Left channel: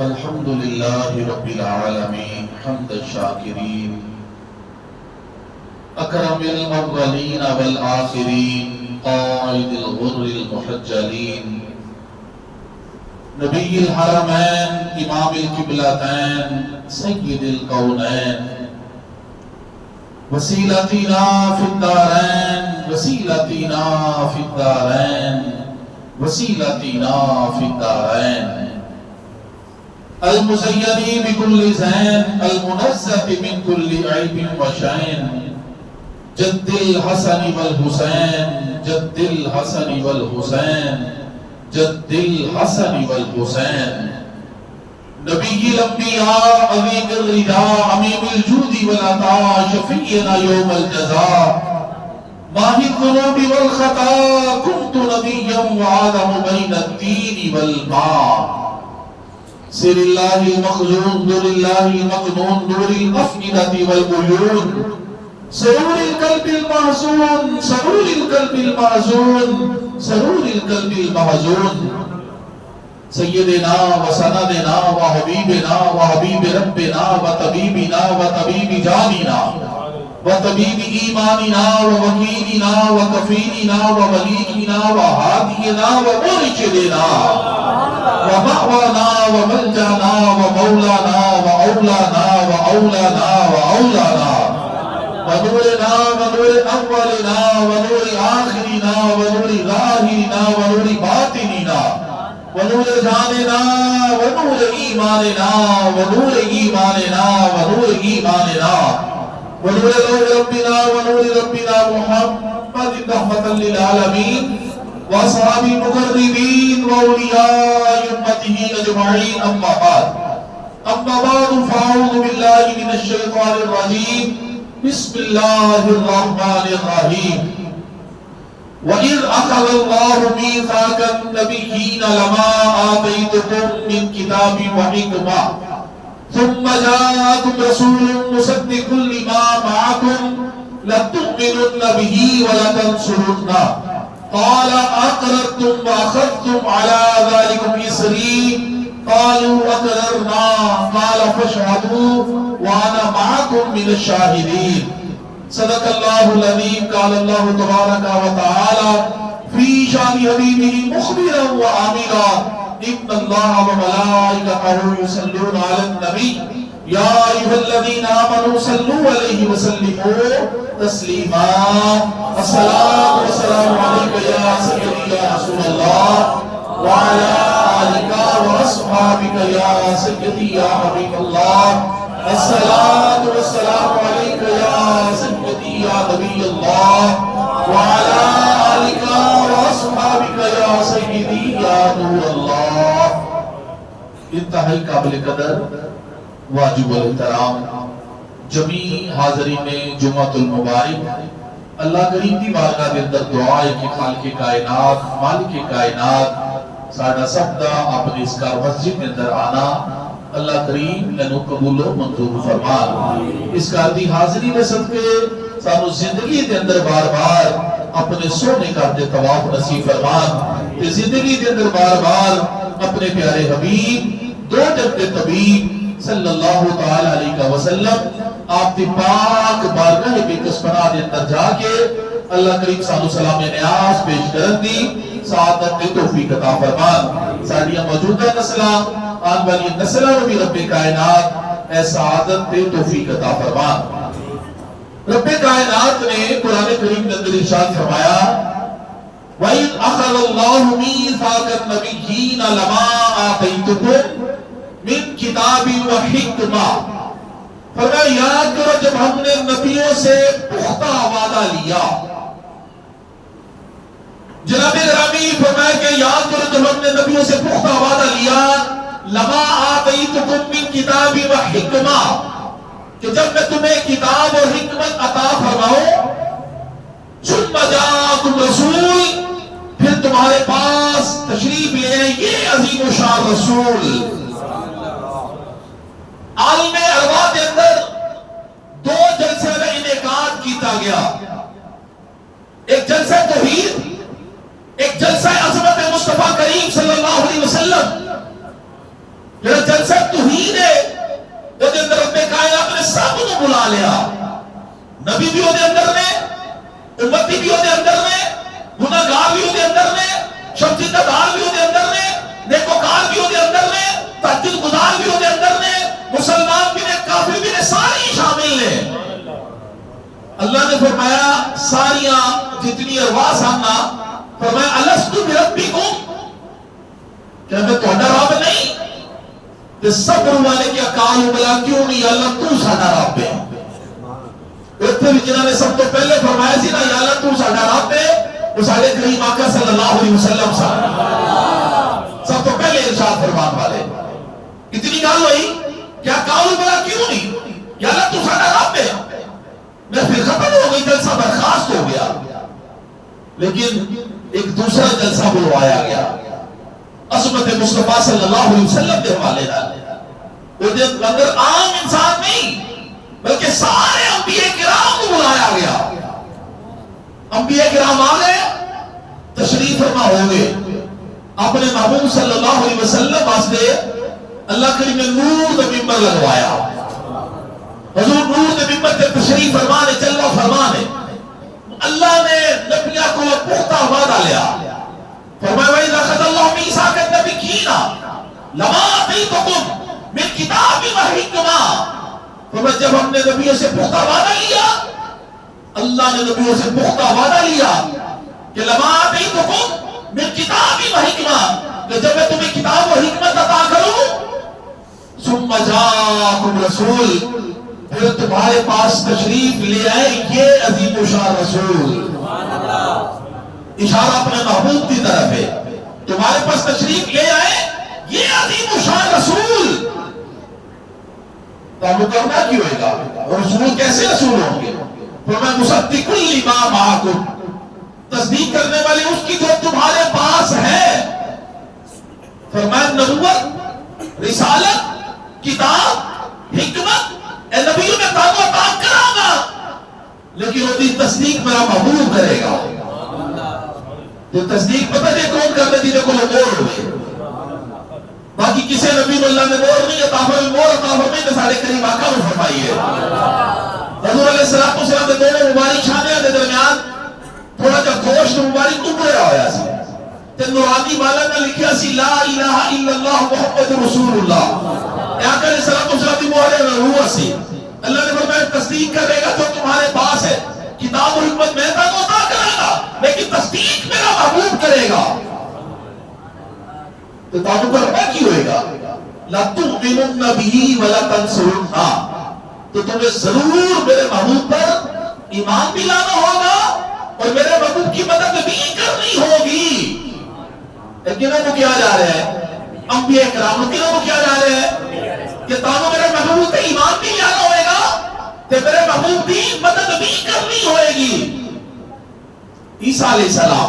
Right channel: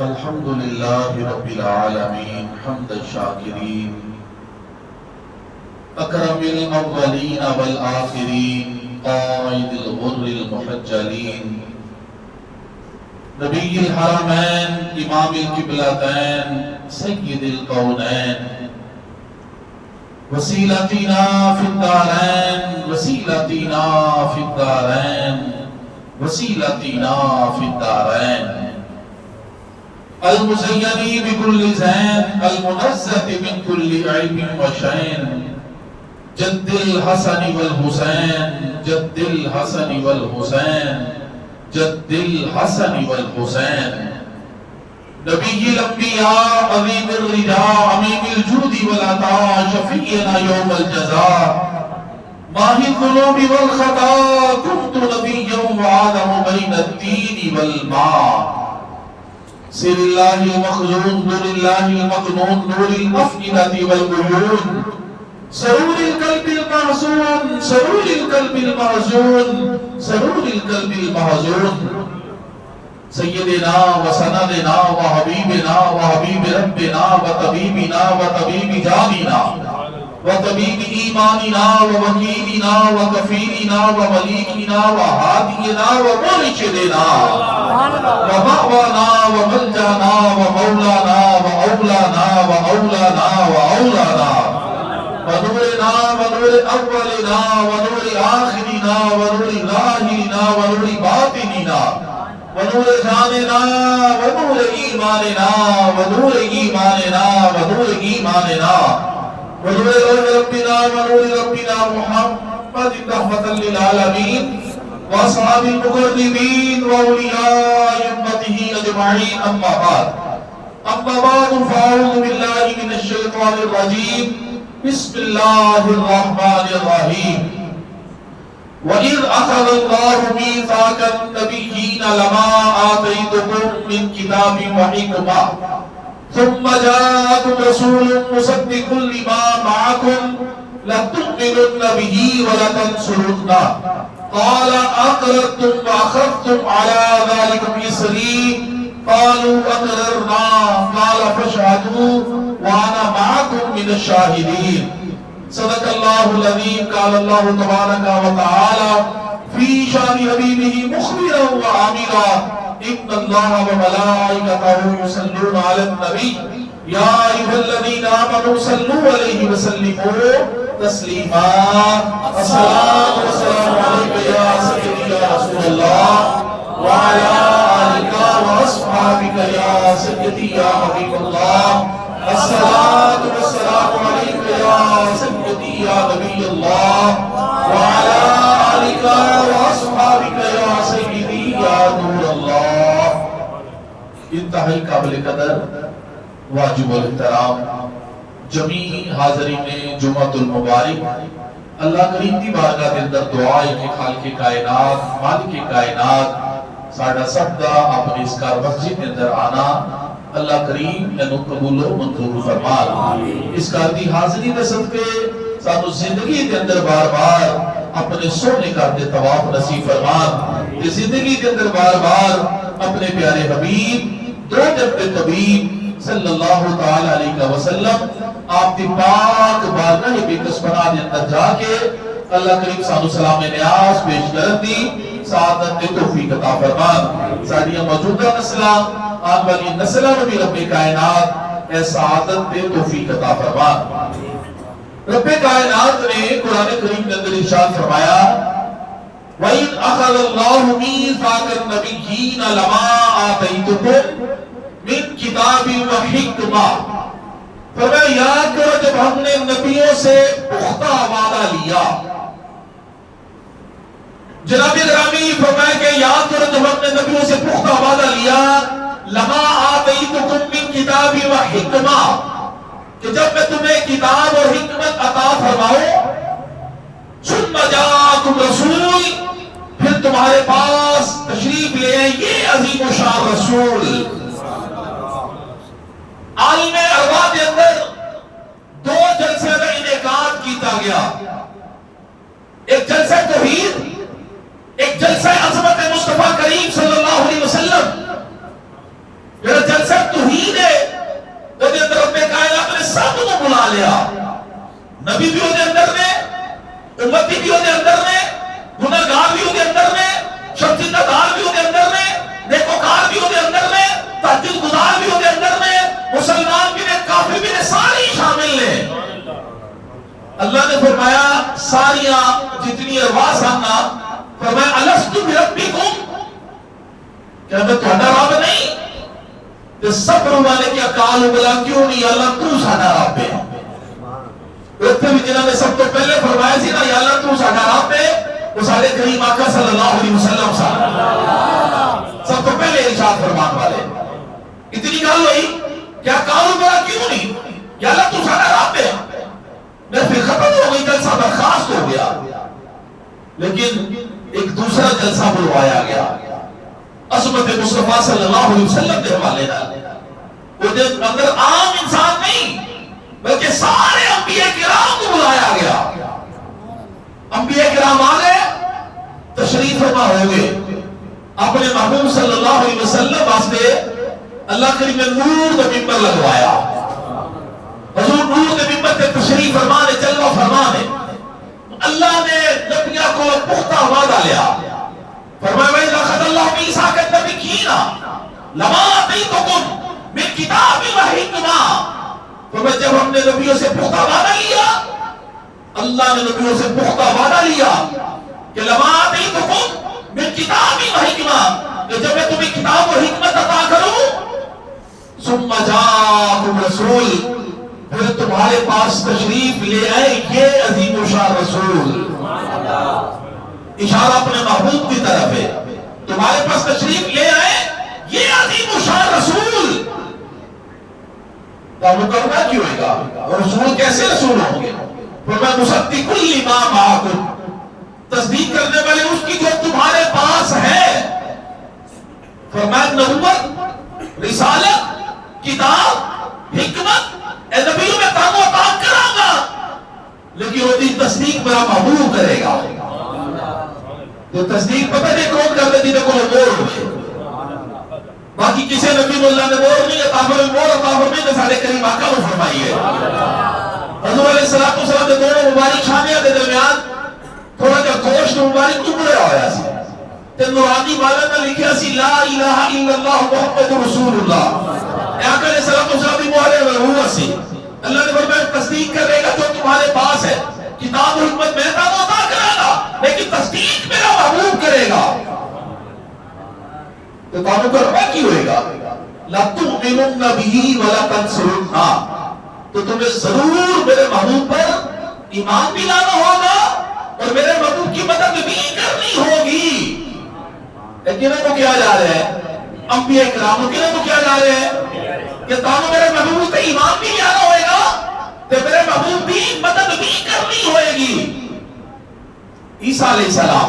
الحمد لله رب العالمين حمد الشاكرين أكرم الأولين والآخرين قائد الغر المحجلين نبي الحرمين إمام القبلتين سيد الكونين وسيلتنا في الدارين وسيلتنا في الدارين وسيلتنا في الدارين المزين بكل زين المنزه من كل عيب وشين جد الحسن والحسين جد الحسن والحسين جد الحسن والحسين نبي الانبياء عظيم الرداء عميم الجود والعطاء شفيعنا يوم الجزاء ماهي الذنوب والخطا كنت نبيا وعالم بين الدين والماء سر الله المخزون نور الله المكنون نور الأفئدة والعيون سرور القلب المحزون سرور القلب المحزون سرور القلب المحزون سيدنا وسندنا وحبيبنا وحبيب ربنا وطبيبنا وطبيب جاننا وطبيب إيماننا ووكيلنا وكفيلنا ومليكنا وهادينا ومرشدنا ومأوانا وملجانا ومولانا وأولانا وأولانا وأولانا ونورنا ونور أولنا ونور آخرنا ونور ظاهرنا ونور باطننا ونور جاننا ونور إيماننا ونور إيماننا ونور إيماننا ونور ربنا ونور ربنا محمد رحمة للعالمين وأصحاب المقربين وأولياء أمته أجمعين أما بعد فأعوذ بالله من الشيطان الرجيم بسم الله الرحمن الرحيم وإذ أخذ الله ميثاق النبيين لما آتيتكم من كتاب وحكمة ثم جاءكم رسول مصدق لما معكم لتؤمنن به ولتنصرنه قال أقررتم وأخذتم على ذلكم إصري قالوا أقررنا قال فاشهدوا وأنا معكم من الشاهدين صدق الله العظيم قال الله تبارك وتعالى في شان حبيبه مخبرا وآمرا إن الله وملائكته يصلون على النبي يا أيها الذين آمنوا صلوا عليه وسلموا تسليما الصلاة والسلام عليك يا سيدي يا رسول الله وعلى آلك وأصحابك يا سيدي يا حبيب الله الصلاة والسلام عليك يا سيدي يا نبي الله وعلى آلك وأصحابك يا سيدي يا نور الله انتہائی قابل قدر واجب الاحترام جمیع حاضرین جمعۃ المبارک اللہ کریم دی بارگاہ دے اندر دعا ہے کہ خالق کائنات مالک کائنات ساڈا سب دا اپنی اس کار مسجد دے اندر آنا اللہ کریم انو قبول و منظور فرما اس کار دی حاضری دے صدقے سانو زندگی دے اندر بار بار اپنے سونے کر دے طواف نصیب فرما کہ زندگی دے اندر بار بار اپنے پیارے حبیب دو جب طبیب صلی اللہ تعالی علیہ وسلم آپ دی پاک بارگاہ بقدس پناہ دے اندر جا کے اللہ کریم سانو سلام نیاز پیش کرن دی سعادت دی توفیق عطا فرما ساڈیاں موجودہ نسلاں آن والی نسلاں نو بھی رب کائنات اے سعادت دی توفیق عطا فرما رب کائنات نے قرآن کریم کے اندر ارشاد فرمایا وَإِذْ أَخَذَ اللَّهُ مِيثَاقَ النَّبِيِّينَ لَمَا آتَيْتُكُم مِّن کتاب وحکمہ فرمایا یاد کرو جب ہم نے نبیوں سے پختہ وعدہ لیا جناب گرامی فرمایا کہ یاد کرو جب ہم نے نبیوں سے پختہ وعدہ لیا لما آتیتکم من کتاب وحکمہ کہ جب میں تمہیں کتاب اور حکمت عطا فرماؤں ثم جاءکم رسول پھر تمہارے پاس تشریف لے یہ عظیم و شان رسول عالم ارواح کے اندر دو جلسے کا انعقاد کیتا گیا ایک جلسہ توحید ایک جلسہ عظمت مصطفیٰ کریم صلی اللہ علیہ وسلم جڑا جلسہ توحید ہے وہ دے اندر رب کائنات نے سب کو بلا لیا، نبی بھی وہ دے اندر نے، امتی بھی وہ دے اندر نے، گناہگار بھی وہ دے اندر نے، شرمندہ دار بھی وہ دے اندر نے، نیکوکار بھی وہ دے اندر نے، تہجد گزار بھی وہ دے اندر نے، مسلمان بھی نے، کافر بھی نے، ساری شامل نے۔ اللہ نے فرمایا ساریاں جتنی ارواح سامنا، فرمایا الستو بربکم، کیا میں تہاڈا رب نہیں؟ تے صبر والے کیا قالوا بلا، کیوں نہیں اللہ تو ساڈا رب ہے۔ اتنے بھی جنہوں نے سب تو پہلے فرمایا سی نا یا اللہ تو ساڈا رب ہے، وہ سارے کریم آقا صلی اللہ علیہ وسلم سب تو پہلے ارشاد فرمان والے۔ اتنی گل ہوئی کیا قالوا بلا کیوں نہیں یا اللہ تو ساڈا رب ہے، میں پھر ختم ہو گئی، جلسہ برخاست ہو گیا۔ لیکن ایک دوسرا جلسہ بلوایا گیا عظمت مصطفیٰ صلی اللہ علیہ وسلم کے حوالے نال، وہ دے اندر عام انسان نہیں بلکہ سارے انبیاء کرام کو بلایا گیا۔ انبیاء کرام آ گئے، تشریف فرما ہو گئے، اپنے محبوب صلی اللہ علیہ وسلم واسطے اللہ کریم نے نور کا ممبر لگوایا۔ حضور نور کے ممبر سے تشریف فرما نے، جلوہ فرما نے، اللہ نے نبیوں کو پختہ وعدہ لیا، فرمایا وَإِذَا أَخَذَ اللَّهُ مِيثَاقَ النَّبِيِّينَ لَمَا آتَيْتُكُم مِّن كِتَابٍ وَحِكْمَةٍ، فرمایا جب ہم نے نبیوں سے پختہ وعدہ لیا، اللہ نے نبیوں سے پختہ وعدہ لیا کہ لَمَا آتَيْتُكُم مِّن كِتَابٍ وَحِكْمَةٍ، کہ جب میں تمہیں کتاب و حکمت عطا کروں، ثُمَّ جَاءَكُمْ رَسُولٌ، پھر تمہارے پاس تشریف لے آئے یہ عظیم الشان رسول۔ اشارہ اپنے محبوب کی طرف ہے، تمہارے پاس تشریف لے آئے یہ عظیم الشان رسول۔ تو کرنا کیوں ہوئے گا؟ رسول کیسے رسول ہوں گے؟ فرمایا مصدق لما معکم، تصدیق کرنے والے اس کی جو تمہارے پاس ہے۔ فرمایا نبوت، رسالت، کتاب، حکمت، اے نبیوں میں تانوں عطا کراں گا، لیکن وہ دی تصدیق میرا محبوب کرے گا۔ تو تصدیق پتہ نہیں کون کرتا جنہیں کو مور ہوئے، باقی کسی نبی اللہ نے مور نہیں عطا فرمائی، مور عطا فرمائی تو سارے کریم آقا کو فرمائی ہے۔ حضور علیہ السلام کے دونوں مبارک شانیاں کے درمیان تھوڑا جا گوشت مبارک ٹکڑیا ہوا سی، تے نورانی والا نے لکھیا سی لا الہ الا اللہ محمد رسول اللہ۔ آقا علیہ السلام کی مہر روح سی، اللہ نے فرمایا تصدیق کرے گا جو تمہارے پاس ہے، کتاب و حکمت میں تانوں عطا کرے گا، لیکن تصدیق میرا محبوب کرے گا۔ تو تابو کا ربا کی ہوئے گا لَتُؤْمِنُنَّ بِهِ وَلَتَنْصُرُنَّا، تو تمہیں ضرور میرے محبوب پر ایمان بھی لانا ہوگا اور میرے محبوب کی مدد بھی کرنی ہوگی۔ لیکن وہ کیا جا رہے ہیں انبیاء کرام، کنہوں کو کیا جا رہے ہیں کہ تانوں میرے محبوب پر ایمان بھی لانا ہوئے گا تو میرے محبوب بھی مدد بھی کرنی ہوئے گی۔ عیسیٰ علیہ السلام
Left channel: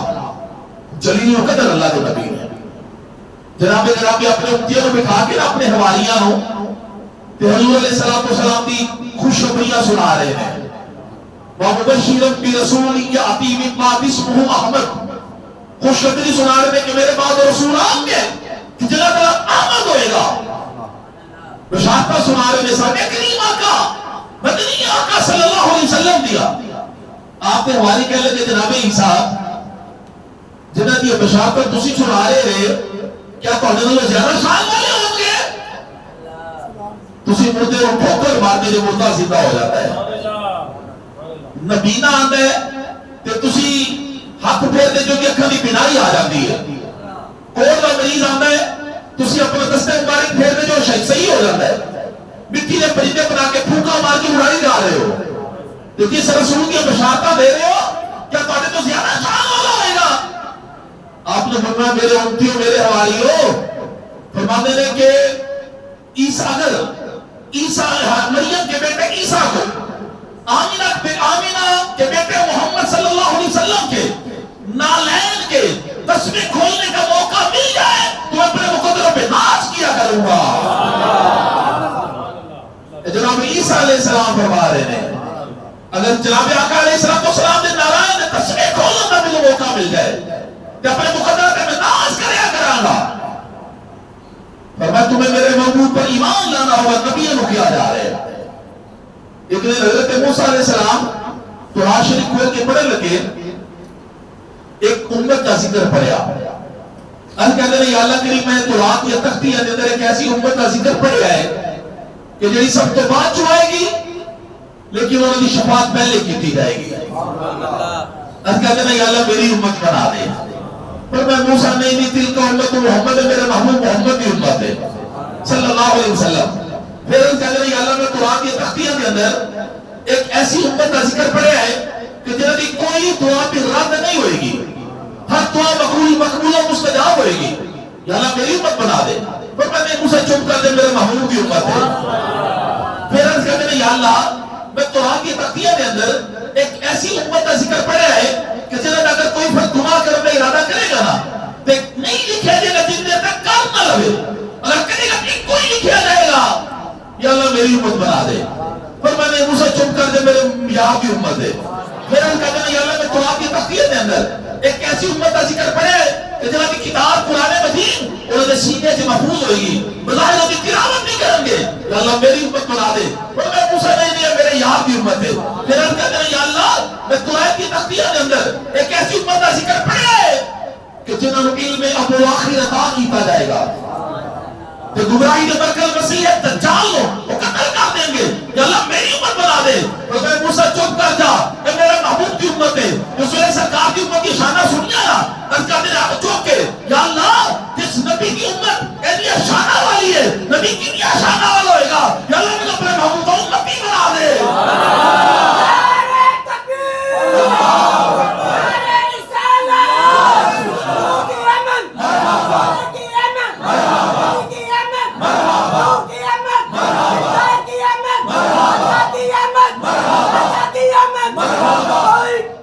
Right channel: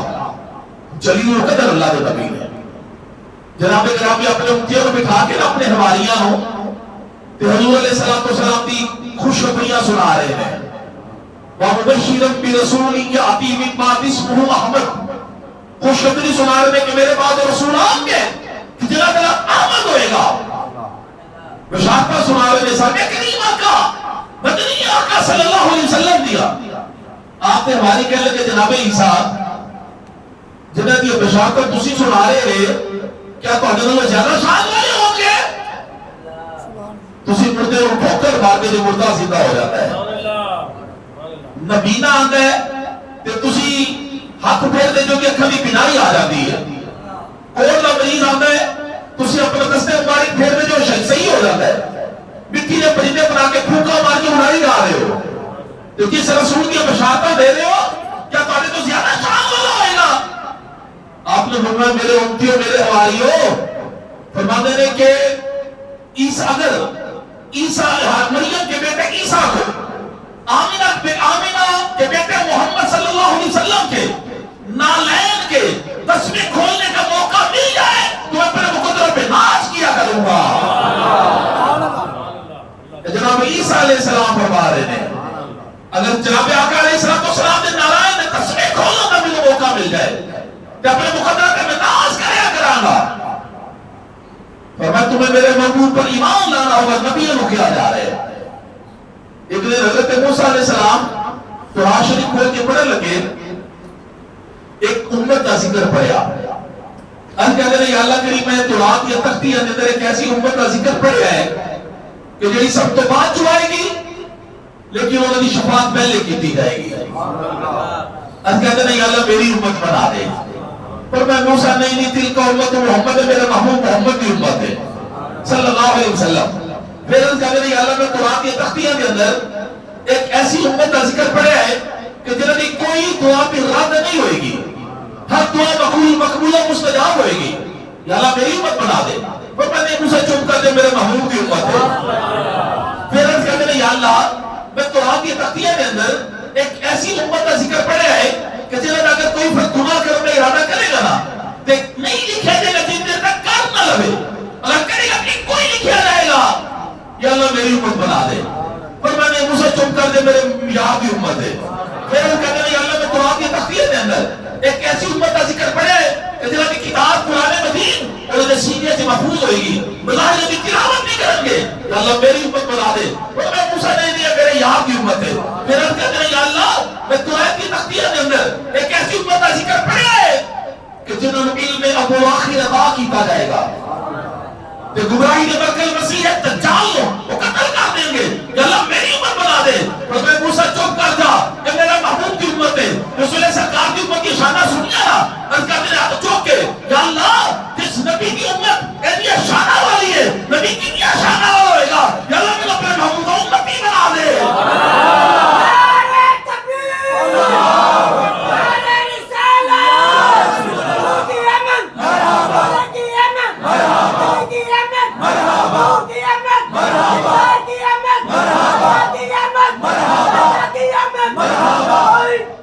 جلیل القدر اللہ کے نبی ہے، جناب کرام بھی اپنے امتیوں کو بٹھا کے اپنے حواریاں ہوں تو حضور علیہ السلام کی خوشخبریاں سنا رہے ہیں۔ وَمُبَشِّرًا بِرَسُولٍ يَأْتِي مِن بَعْدِهِ اسْمُهُ أَحْمَدُ، خوشخبری سنا رہے ہیں کہ میرے بعد رسول آئیں گے کہ جنہاں کا نام احمد ہوئے گا۔ بشارتہ سنا رہے ہیں سارے کریم آقا، مدنی آقا صلی اللہ علیہ وسلم دیا۔ آپ نے ہماری کہہ لگے جناب عیسیٰ جنہاں دی بشارتہ تسی سنا رہے ہیں، کیا تواڈے نالوں زیادہ شان والے ہوں گے؟ تسی مردے کو ٹھوکر مار کے مردہ زندہ ہو جاتا ہے، نبی نہ آندا ہے تے تسی ہاتھ پھیر دے جو کہ اکھاں دی بینائی آ جاتی ہے، کوڑ دا مریض آندا ہے تسی اپنا دستے مبارک پھیر دے جو صحیح ہو جاتا ہے، مٹی دے پرندے بنا کے پھونکا مار کے اڑائی جا رہے ہو، تو کس رسول کی بشارتہ دے رہے ہو، کیا تواڈے تو زیادہ شان والا ہوئے گا؟ آپ نے فرمایا میرے امتیوں میرے حواریوں، فرماتے ہیں کہ عیسیٰ اگر عیسیٰ مریم کے بیٹے عیسیٰ کو آمینہ کے بیٹے محمد صلی اللہ علیہ وسلم کے نالین کے تسبیح کھولنے کا موقع مل جائے تو اپنے مقدروں پہ ناز کیا کروں گا۔ جناب عیسیٰ علیہ السلام فرما رہے ہیں اگر جناب آقا علیہ السلام نے نالین نے تسبیح کھولنے کا بھی موقع مل جائے تو اپنے مقدروں پہ میں ناز کریا کراں گا۔ فرمایا تمہیں میرے محبوب پر ایمان لانا ہوگا، نبیوں کو کیا جا رہے ہیں۔ ایک دن حضرت موسیٰ علیہ السلام قرآن شریف کھول کے پڑھنے لگے، ایک امت کا ذکر پڑھیا۔ ان کہتے ہیں یا اللہ کریم میں قرآن کی تختی ہے اندر ایک ایسی امت کا ذکر پڑھیا ہے کہ جڑی سب تو بعد چوائے گی لیکن انہوں نے شفاعت پہلے کی دی جائے گی۔ ان کہتے ہیں یا اللہ میری امت بنا دے۔ پر میں موسیٰ نہیں تل کا امت محمد ہے، میرا محبوب محمد کی امت ہے صلی اللہ علیہ وسلم۔ پھر ان کہتے ہیں یا اللہ میں قرآن کی تختیاں کے اندر ایک ایسی امت کا ذکر پڑھیا ہے کہ جنہوں کی کوئی دعا پہ رد نہیں ہوئے گی، ہر دعا مقبولہ مستجاب ہوئے گی، یا اللہ میری امت بنا دے۔ پر میں نے موسیٰ چپ کر دے میرے محبوب کی امت ہے۔ پھر ان کہتے ہیں یا اللہ میں قرآن کی تختیاں کے اندر ایک ایسی امت کا ذکر پڑھیا ہے کہ جنہوں نے اگر کوئی فرد گناہ کرنے کا ارادہ کرے گا نا تو نہیں لکھا جائے گا جن دیر تک کام نہ لگے، اگر کرے گا کہ کوئی لکھا جائے گا، یا اللہ میری امت بنا دے۔ پر میں نے موسیٰ چپ کر دے میرے یار کی امت ہے۔ پھر ان کہتے ہیں یا اللہ میں قرآن کی تختیاں کے اندر ایک ایسی امت کا ذکر پڑھیا ہے کہ جنہوں کی کتاب قرآن مجید انہوں نے سینے سے محفوظ ہوئے گی، بظاہر ان کی تلاوت نہیں کریں گے، یا اللہ میری امت بنا دے۔ پر میں موسیٰ نہیں ہے میرے یار کی امت ہے۔ پھر ان کہتے ہیں یا اللہ میں قرآن کی تختیاں کے اندر ایک ایسی امت کا ذکر پڑھیا ہے کہ جنہوں نے علم ابو آخر عطا کیتا جائے گا، کہ گمراہی کے برکل مسیح دجال لو وہ قتل کر دیں گے، یا اللہ میری امت بنا دے۔ تو میں موسیٰ چپ کر جا کہ میرا محبوب کی امت ہے، رسول سرکار کی امت کی شانہ سنیا نا، ان کا دل چوک کے یا اللہ جس نبی کی امت ایسی شانہ والی ہے، نبی کی کیا شانہ والا ہوئے گا، یا اللہ مجھے اپنے محبوب کا امتی بنا دے۔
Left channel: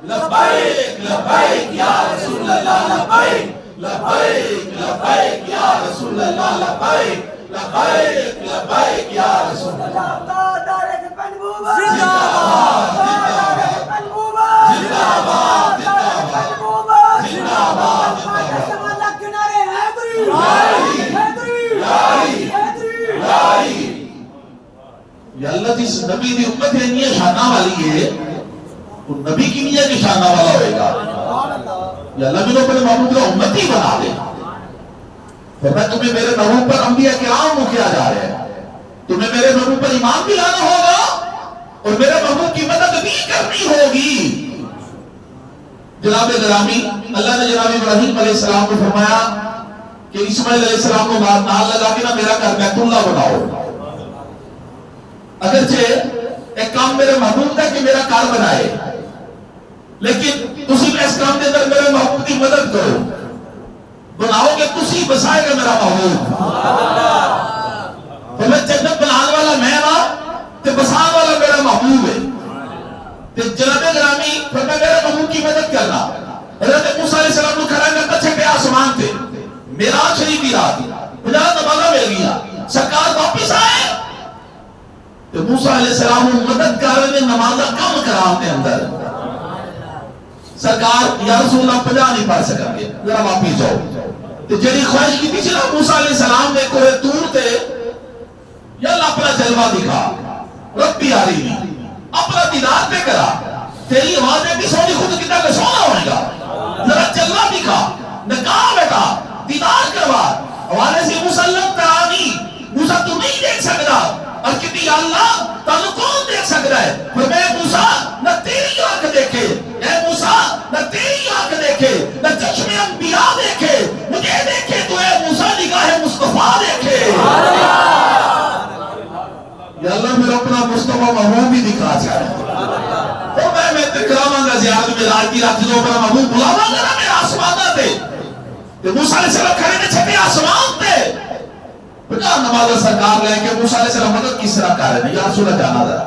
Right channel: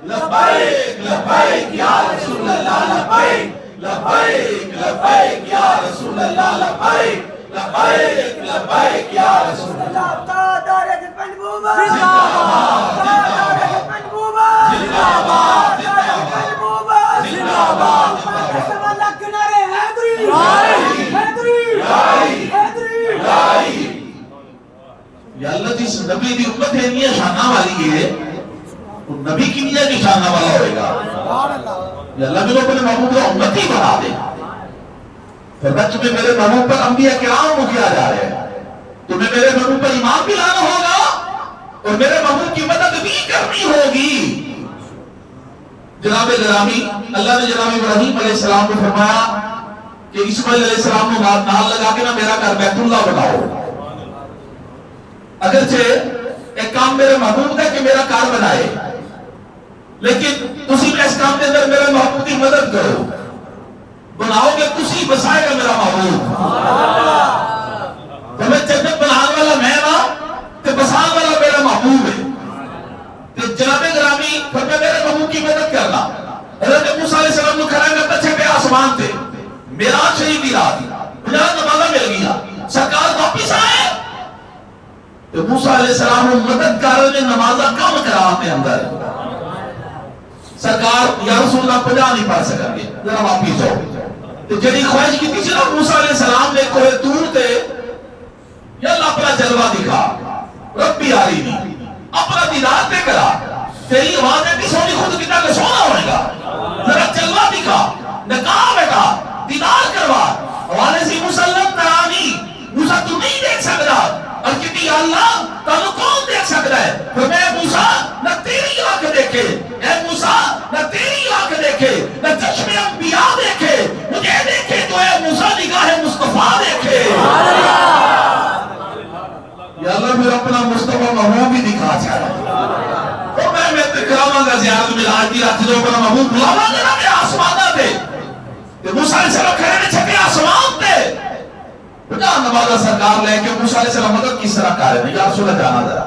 لبیک لبیک یا رسول اللہ، لبیک لبیک لبیک یا رسول اللہ، لبیک لبیک لبیک یا رسول اللہ۔ یا اللہ جس نبی دی امت ہے نہیں شانہ والی ہے، وہ نبی کی نیہ کی شانہ والا ہوئے گا، یا اللہ میں اپنے محبوب کا امتی بنا دے۔ فرمایا تمہیں میرے محبوب پر انبیاء کرام کو کیا جا رہے ہیں، تمہیں میرے محبوب پر ایمان بھی لانا ہوگا اور میرے محبوب کی مدد بھی کرنی ہوگی۔ جناب گرامی اللہ نے جناب ابراہیم علیہ السلام کو فرمایا کہ اسماعیل علیہ السلام کو نال لگا کے نہ میرا گھر بیت اللہ بناؤ۔ اگرچہ ایک کام میرے محبوب ہے کہ میرا کار بنائے، لیکن تسی اس کام کے اندر میرے محبوب کی مدد کرو، بناؤ گے تسی بسائے گا میرا محبوب۔ تو میں جنت بنانے والا میں نا تے بسان والا میرا محبوب ہے۔ تے جناب گرامی فرمایا میرے محبوب کی مدد کرنا۔ حضرت موسیٰ علیہ السلام کو کھڑا کرتا چھپے آسمان تھے، معراج شریف کی رات تھی، مجھے نمازہ مل گیا، سرکار واپس آئے تو موسیٰ علیہ السلام کو مدد کر نے نمازہ کم کرا اپنے اندر۔ سرکار یا رسول اللہ 50 نہیں پڑھ سکیں گے، ذرا واپس ہو۔ تو جڑی خواہش کی تھی موسیٰ علیہ السلام نے کوئی دور تھے، یا اللہ اپنا جلوہ دکھا، ربی آرینی اپنا دیدار پہ کرا، تیری آوازیں بھی سونی خود کتا کا سونا ہوئے گا، ذرا جلوہ دکھا، نکاح بیٹا، دیدار کروا۔ حوالے سے مسلم ترانی موسیٰ تو نہیں دیکھ سکتا، اور کہتی یا اللہ تانو کون دیکھ سکتا ہے؟ فرمایا موسیٰ نہ تیری آنکھ دیکھے، اے موسیٰ نہ تیری آنکھ دیکھے، نہ چشم انبیاء دیکھے، مجھے دیکھے تو اے موسیٰ نگاہ مصطفیٰ دیکھے۔ یا اللہ میرا اپنا مصطفیٰ محبوب بھی دکھا چاہے، اور میں تکرامہ کا زیادہ ملاج کی رکھ دو اپنا محبوب بلاما کرا میرے آسمانہ تھے، موسیٰ علیہ السلام کھڑے نے چھپے آسمان تھے۔ بجا نمازہ سرکار لے کے موسیٰ علیہ السلام مدد کس طرح کر رہے ہیں، یا رسول اللہ جانا ذرا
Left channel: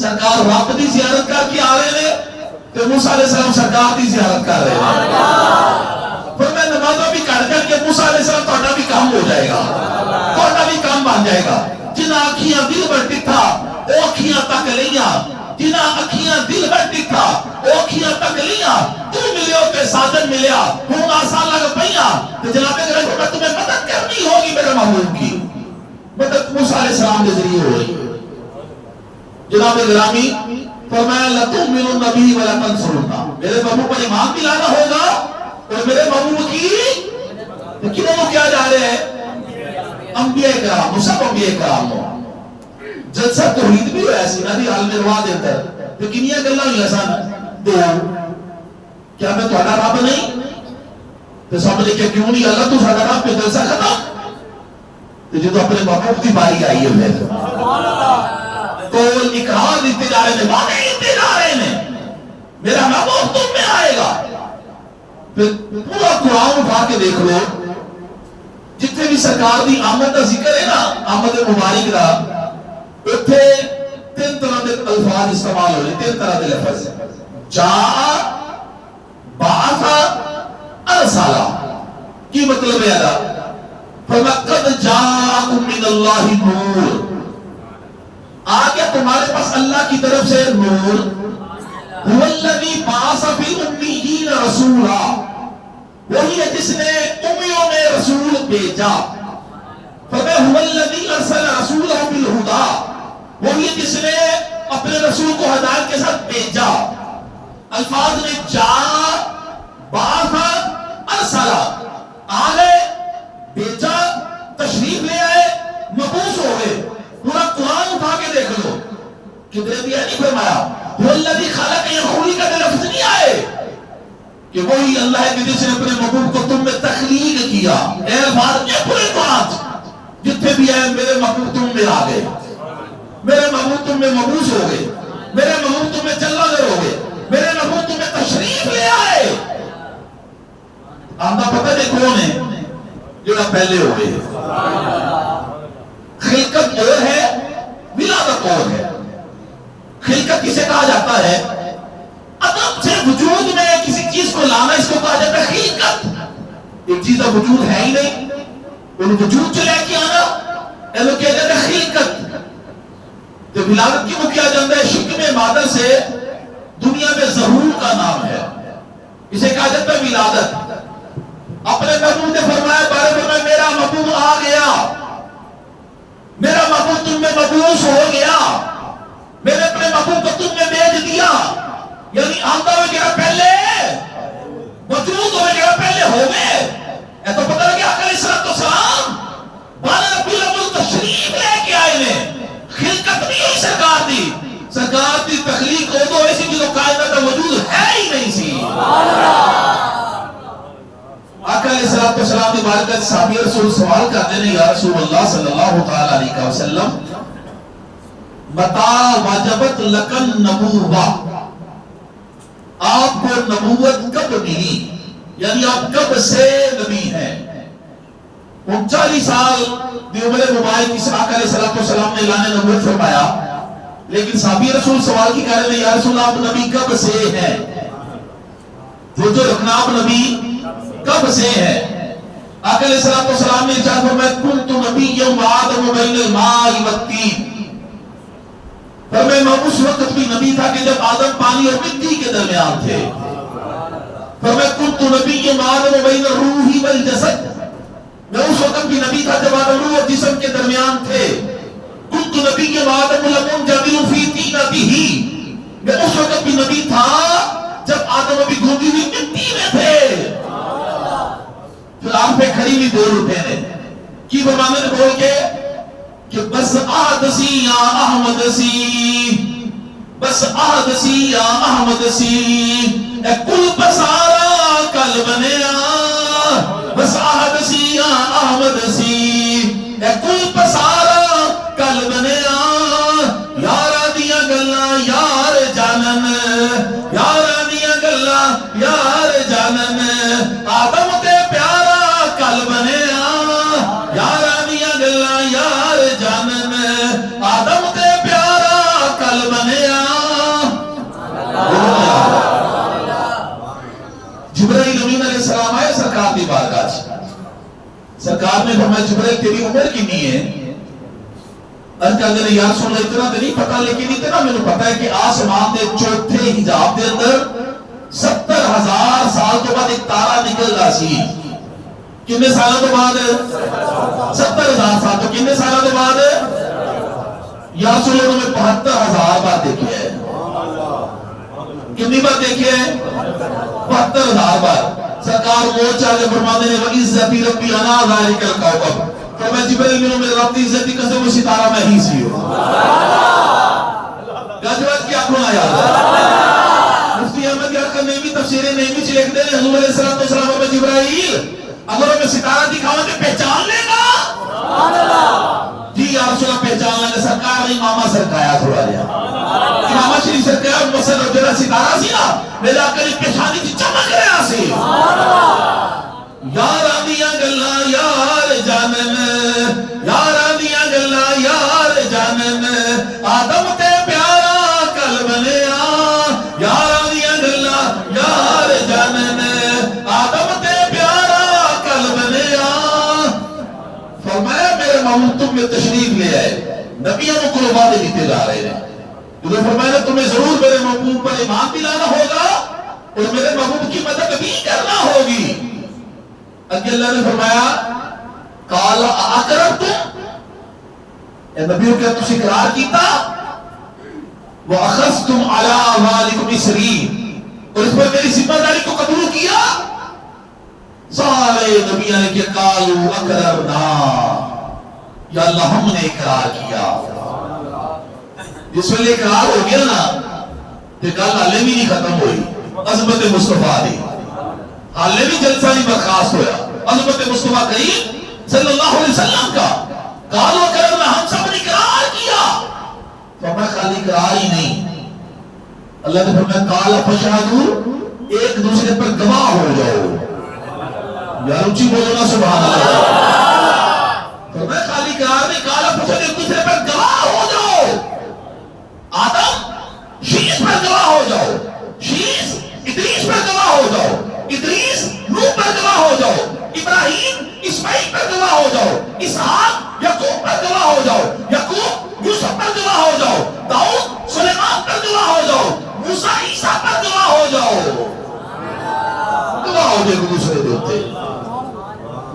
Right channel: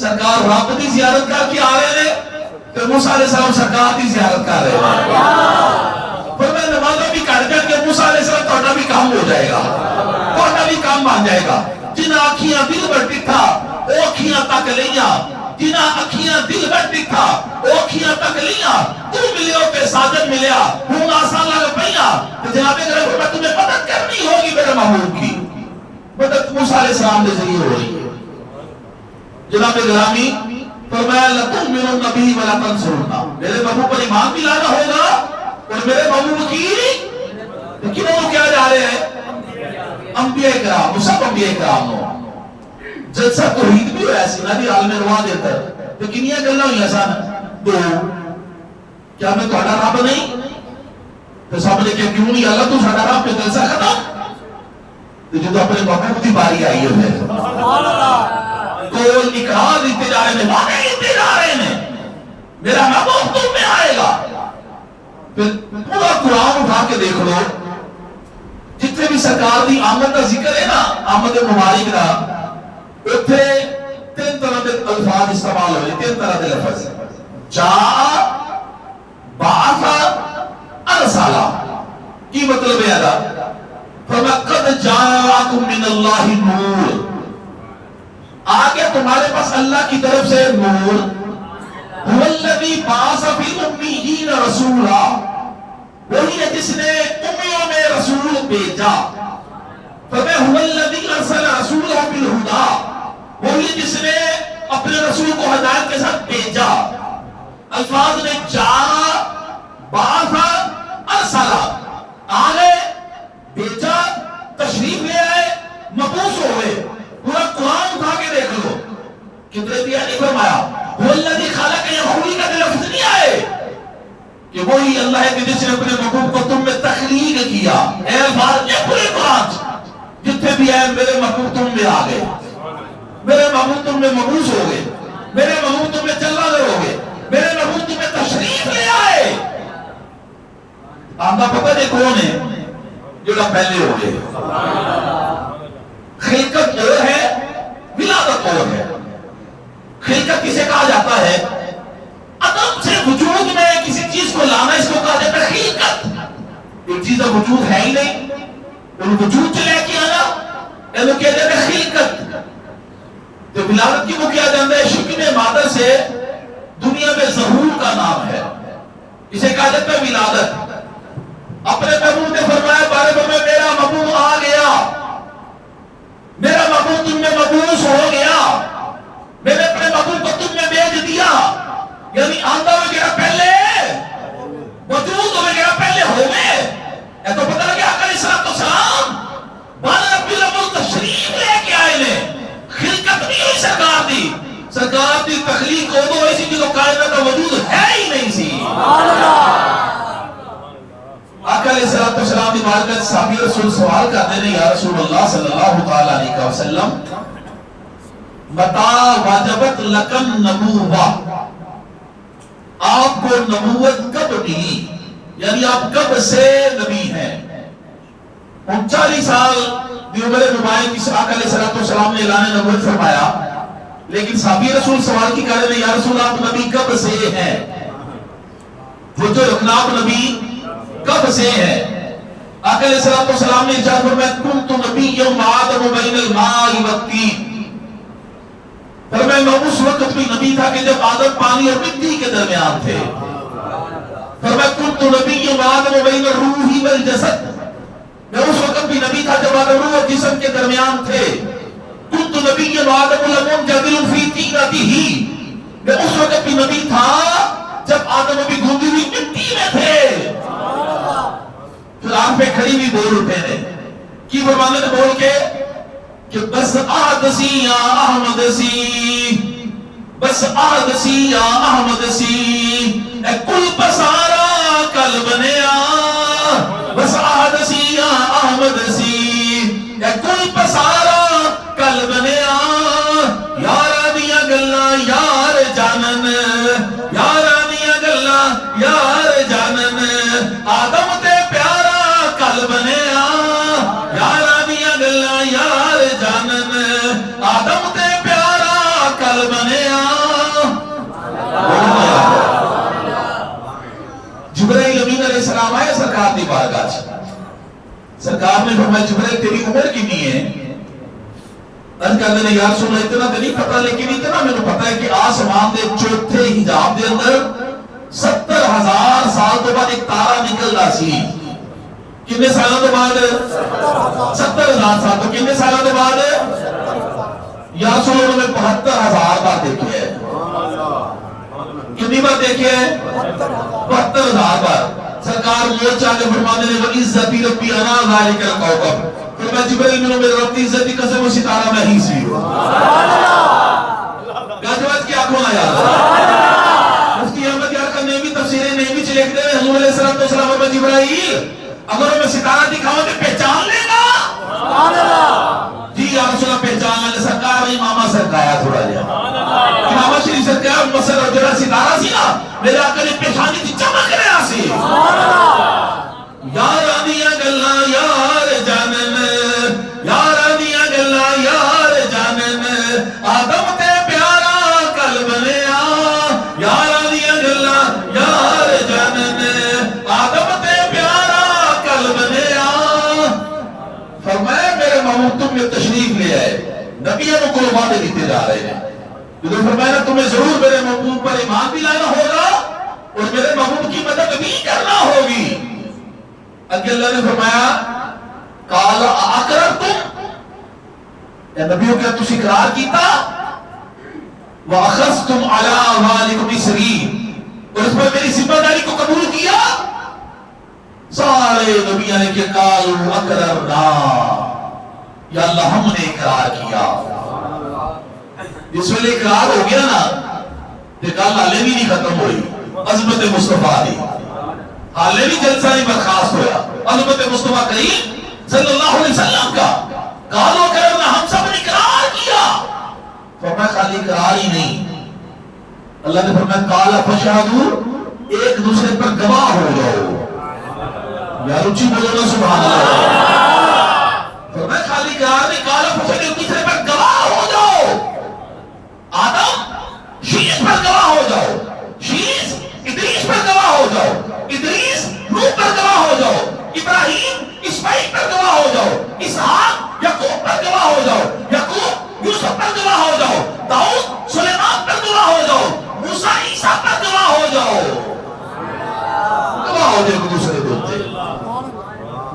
سرکار رب دی زیارت کر کے آ رہے ہیں تو موسیٰ علیہ السلام سرکار دی زیارت کر رہے ہیں۔ پر میں نمازہ بھی کر کر کے موسیٰ علیہ السلام توڑا بھی کام ہو جائے گا، توڑا بھی کام بن جائے گا۔ جنہ آکھیاں دل بڑھتی تھا وہ آکھیاں تک لیاں، جنہ آکھیاں دل بڑھتی تھا وہ آکھیاں تک لیاں، تو ملیو پہ ساجن ملیا ہوں آسان لگ پہیاں۔ جناب اگر تمہیں مدد کرنی نہیں ہوگی میرے محبوب کی، مدد موسیٰ علیہ السلام کے ذریعے ہو رہی ہے۔ جناب گرامی فرمایا لَتُؤْمِنُنَّ بِهِ وَلَتَنْصُرُنَّهُ، میرے محبوب پر ایمان بھی لانا ہوگا اور میرے محبوب کی کنوں کیا جا رہے ہیں؟ انبیاء کرام، سب انبیاء کرام ہو جلسہ توحید بھی ہو ایسی نہ بھی عالم روا دے اندر تو کنیاں گلنا ہوئی آسان تو کیا میں تہاڈا رب نہیں؟ تو سب نے کہا کیوں نہیں اللہ تو ساڈا رب پہ جلسہ ختم؟ تو جو تو اپنے محبوب کی باری آئی ہے میرے کول اقرار دیتے جا رہے ہیں، وعدے دیتے جا رہے ہیں میرا محبوب تم میں آئے گا۔ پھر پورا قرآن اٹھا کے دیکھ لو، جتنے بھی سرکار دی آمد کا ذکر ہے نا، آمد مبارک دا، اتنے تین طرح دے الفاظ استعمال ہوئے، تین طرح دے لفظ جاء، بعث، ارسلا۔ کی مطلب ہے ادا؟ فَقَدْ جَاءَكُم مِّنَ اللَّهِ نُورٌ، آگے تمہارے پاس اللہ کی طرف سے نور، هُوَ الَّذِي بَعَثَ فِي الْأُمِّيِّينَ رَسُولًا، وہی ہے جس نے امیوں میں رسول بھیجا۔ فَمَا هُوَ الَّذِي أَرْسَلَ رَسُولَهُ بِالْهُدَى، وہی ہے جس نے اپنے رسول کو ہدایت کے ساتھ بھیجا۔ الفاظ نے جا، بعث، ارسلا، آگے بھیجا، تشریف لے آئے، مبعوث ہوئے۔ پورا قرآن اٹھا کے دیکھ لو، کدھر دیا نہیں فرمایا هُوَ الَّذِي خَلَقَ يَخْلُقُ، کا لفظ نہیں آئے کہ وہی اللہ ہے کہ جس نے اپنے محبوب کو تم میں تخلیق کیا۔ اے الفاظ یہ پورے قرآن جتنے بھی آئے میرے محبوب تم میں آ گئے، میرے محبوب تم میں مبعوث ہو گئے، میرے محبوب تم میں چلا گئے ہو گئے، میرے محبوب تم میں تشریف لے آئے۔ آمدہ پتہ نہیں کون ہے جو پہلے ہو گئے۔ خلقت اور ہے، ولادت اور ہے۔ خلقت کسے کہا جاتا ہے؟ عدم سے وجود میں کسی چیز کو لانا، اس کو کہا جاتا ہے خلقت۔ ایک چیز کا وجود ہے ہی نہیں، ان وجود چلے کے آنا ایسا کیا جاتا ہے خلقت۔ جو ولادت کی وہ کیا جاتا ہے شکم مادر سے دنیا میں ظہور کا نام ہے، اسے کہا جاتا ہے ولادت۔ اپنے محبوب نے فرمایا بارے فرمایا میرا محبوب آ گیا، میرا محبوب تم میں مبعوث ہو گیا، میں نے اپنے محبوب کو تم میں بھیج دیا۔ یعنی آمدہ ہوئے گیا پہلے، موجود ہوئے گیا پہلے ہو گئے۔ اے تو پتہ لگیا آقا علیہ السلام بانا ربی الامر تشریف لے کے آئے نے۔ خلقت نہیں ہوئی سرکار دی، سرکار دی تخلیق ہو تو ایسی جو کائنات کا وجود ہے ہی نہیں سی۔ آقا علیہ السلام دی بارکت صحابی رسول سوال کرتے ہیں یا رسول اللہ صلی اللہ تعالیٰ علیہ وسلم متا واجبت لکن نبوہ، آپ کو نبوت کب ملی، یعنی آپ کب سے نبی ہیں؟ 39 سال دی عمر مبارک اس آقا علیہ السلام نے اعلان نبوت فرمایا، لیکن صحابی رسول سوال کی کہہ رہے ہیں یا رسول اللہ آپ نبی کب سے ہیں؟ وہ جو رکھنا آپ نبی کب سے ہے؟ آقا علیہ السلام نے ارشاد فرمایا کنت نبی یوم آدم بین الماء والطین، فرمایا میں اس وقت بھی نبی تھا کہ جب آدم پانی اور مٹی کے درمیان تھے۔ فرمایا کنت نبی یوم آدم بین الروح والجسد، میں اس وقت بھی نبی تھا جب آدم روح اور جسم کے درمیان تھے۔ کنت نبی یوم آدم المنجبر فی طینتہ، میں اس وقت بھی نبی تھا جب آدم ابھی گونجی ہوئی مٹی میں تھے۔ پھر آپ پہ کھڑی بھی بول اٹھے نے کی فرمانے نے بول کے کہ بس آہد سی یا احمد سی، بس آہد سی یا احمد سی، اے کل پسارا کل بنیا، بس آہد سی یا احمد سی، اے کل پسارا کل بنیا، یارا دیا گلا یار جانن، یارا دیا گلا یار جانن، آدم تے پیارا کل بنیا، یارا دیا گلا یار جانن، آدم تے پیارا کل بنیا۔ جبرائیل امین علیہ السلام آئے سرکار دی بارگاہ، سرکار نے فرمایا جبرائیل تیری عمر کتنی ہے؟ ارد کہتے ہیں یا رسول اللہ اتنا تو نہیں پتا، لیکن اتنا میں نے پتا ہے کہ آسمان دے چوتھے حجاب دے اندر 70,000 سال تو بعد ایک تارا نکل رہا سی کتنے سالوں تو بعد 70,000 سال. تو کتنے سالوں تو بعد یا رسول اللہ میں 72,000 بار دیکھے ہیں. کتنی بار دیکھے ہیں؟ 72,000 بار. سرکار موت چاہتے فرماتے ہیں وَعِزَّتِ رَبِّ أَنَا ذَلِكَ الْكَوْكَبُ. فرمایا جبریل میرے رب کی عزت کی قسم وہ ستارہ میں ہی سی ہوں. گجوت کیا کھونا یاد ہے؟ مفتی احمد یار کا نئی تفسیر نئی بھی لکھتے ہیں حضور علیہ السلام اور جبرائیل اگر میں ستارہ دکھاؤں تو پہچان لے گا؟ جی یا رسول اللہ پہچان لے. سرکار نے امامہ سرکایا تھوڑا جا امامہ شریف سرکایا مسئلہ جڑا ستارہ سی نا میرے آقا نے پہچانی تھی چمک رہا سی. یار آدیا گلہ یار جانن یار آدیا گلہ یار جانن آدم تے پیارا کل بنیا یار آدیا گلہ یار جانن آدم تے پیارا کل بنیا. فرمایا میرے محبوب تم میں تشریف لے آئے نبیوں کو وعدے دیتے جا رہے ہیں. جو فرمایا تمہیں ضرور میرے محبوب پر ایمان بھی لانا ہوگا اور میرے محبوب کی مدد بھی کرنا ہوگی. اگے اللہ نے فرمایا قال اقررتم اے نبیوں کیا تسی اقرار کیتا واخذتم علی اعمالکم اسری اور اس پر میری ذمہ داری کو قبول کیا. سارے نبیوں نے کہ قالوا اقررنا یا اللہ ہم نے اقرار کیا. جس ویلے اقرار ہو گیا نا تو گل حالے بھی نہیں ختم ہوئی. عظمت مصطفیٰ دی حالے بھی جلسہ نہیں برخاست ہویا. عظمت مصطفیٰ کریم صلی اللہ علیہ وسلم کا قالوا کرنا ہم سب نے اقرار کیا. فرمایا خالی اقرار ہی نہیں اللہ نے فرمایا قال فشہدوا ایک دوسرے پر گواہ ہو جاؤ. یار اونچی بولو نا سبحان اللہ. فرمایا خالی اقرار نہیں قال فشہدوا ایک دوسرے پر گواہ ہو جاؤ. آدم شیش پر گواہ ہو جاؤ شیش ادریس پر گواہ ہو جاؤ ادریس نوح پر گواہ ہو جاؤ ابراہیم اسماعیل پر گواہ ہو جاؤ اسحاق یعقوب پر گواہ ہو جاؤ یعقوب یوسف پر گواہ ہو جاؤ داؤد سلیمان پر گواہ ہو جاؤ موسیٰ عیسیٰ پر گواہ ہو جاؤ. گواہ ہو جاؤ دوسرے دیتے.